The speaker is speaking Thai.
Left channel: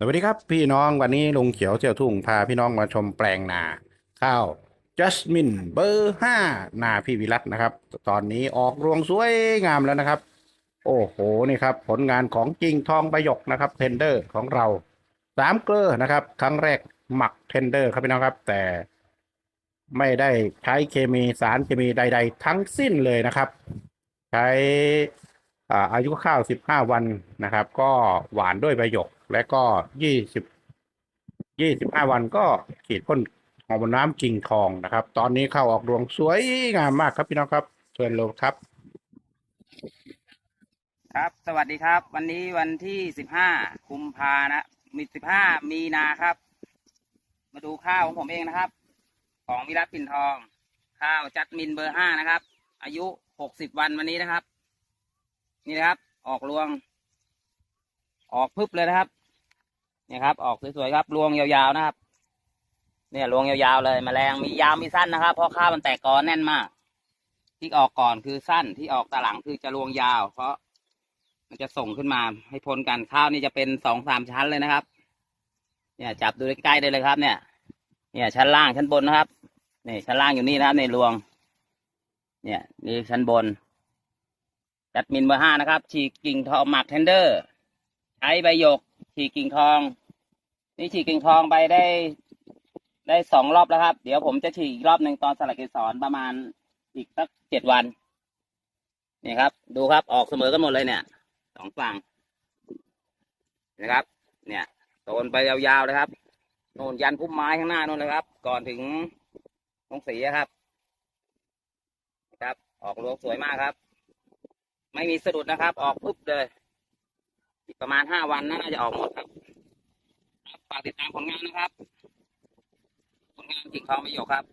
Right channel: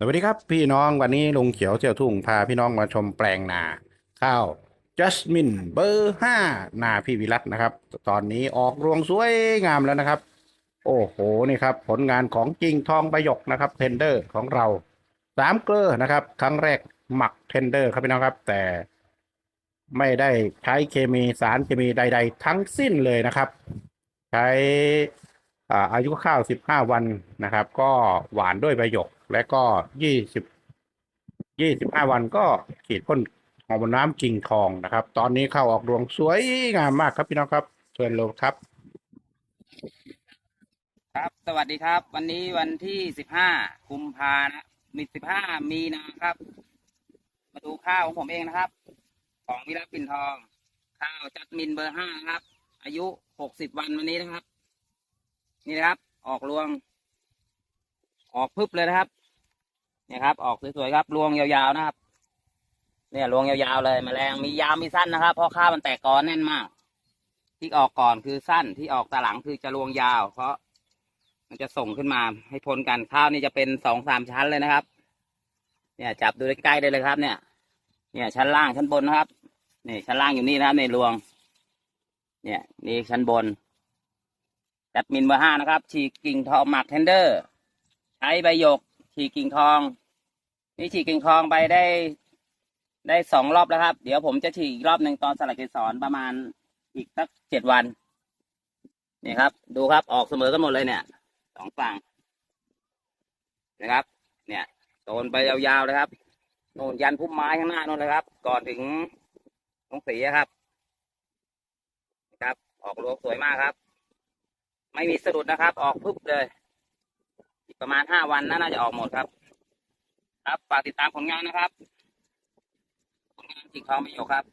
สวัสดีครับพี่น้องวันนี้ลุงเขียวเจียวทุ่งพาพี่น้องมาชมแปลงนา ข้าวจัสมินเบอร์ห้านาพี่วิรัตนะครับ ตอนนี้ออกรวงสวยงามแล้วนะครับ โอ้โหนี่ครับ ผลงานของจริงทองใบหยกนะครับเทนเดอร์ของเราสามเกลือนะครับ ครั้งแรกหมักเทนเดอร์ครับพี่น้องครับ แต่ไม่ได้ใช้เคมีสารเคมีใด ๆ ทั้งสิ้นเลยนะครับ ใช้ อายุข้าว 15 วันนะครับ ก็หวานด้วยใบหยก และก็ 20 25 วันก็ฉีดพ่นฮอมนน้ำกิ่งทองนะครับ ตอนนี้เข้าออกรวงสวยงามมากครับพี่น้องครับเชิญลงครับ ครับ สวัสดีครับ วันนี้วันที่สิบห้ากุมภานะมีสิบห้ามีนาครับ มาดูข้าวของผมเองนะครับ ของวิรัตปิ่นทอง ข้าวจัดมินเบอร์ห้านะครับ อายุหกสิบวันวันนี้นะครับ นี่นะครับ ออกรวง ออกพึบเลยนะครับเนี่ยครับ ออกสวยๆครับรวงยาวๆนะครับ เนี่ยรวงยาวๆเลยมแมลงมียาวมีสั้นนะครับเพราะข้าวมันแตกกอแน่นมาก ที่ออกก่อนคือสั้นที่ออกตาหลังคือจะรวงยาว เพราะมันจะส่งขึ้นมาให้พ้นกันข้าวนี่จะเป็นสองสามชั้นเลยนะครับ เนี่ยจับดูใกล้ๆได้เลยครับ เนี่ย เนี่ยชั้นล่างชั้นบนนะครับนี่ชั้นล่างอยู่นี่นะครับในรวง เนี่ยนี่ชั้นบน ดมินเบอร์ห้านะครับ ฉีกกิ่งทองหมักเทนเดอร์ใช้ใบหยก ฉีกกิ่งทอง นี่ฉีกกิ่งทองไปได้ได้สองรอบแล้วครับ เดี๋ยวผมจะฉีกอีกรอบหนึ่งตอนสลักเกสรประมาณอีกสักเจ็ดวัน นี่ครับ ดูครับออกเสมอกันหมดเลยเนี่ยสองฝั่งนะครับ เนี่ยโซนไปยาวๆเลยครับโน่นยันพุ่มไม้ข้างหน้าโน่นเลยครับ ก่อนถึงตรงสีครับนะครับ ออกรวงสวยมากครับ ไม่มีสะดุดนะครับ ออกปุ๊บเลยประมาณห้าวันน่าจะออกหมดครับ ครับฝากติดตามผลงานนะครับ ผลงานกิ่งทองประโยคครับ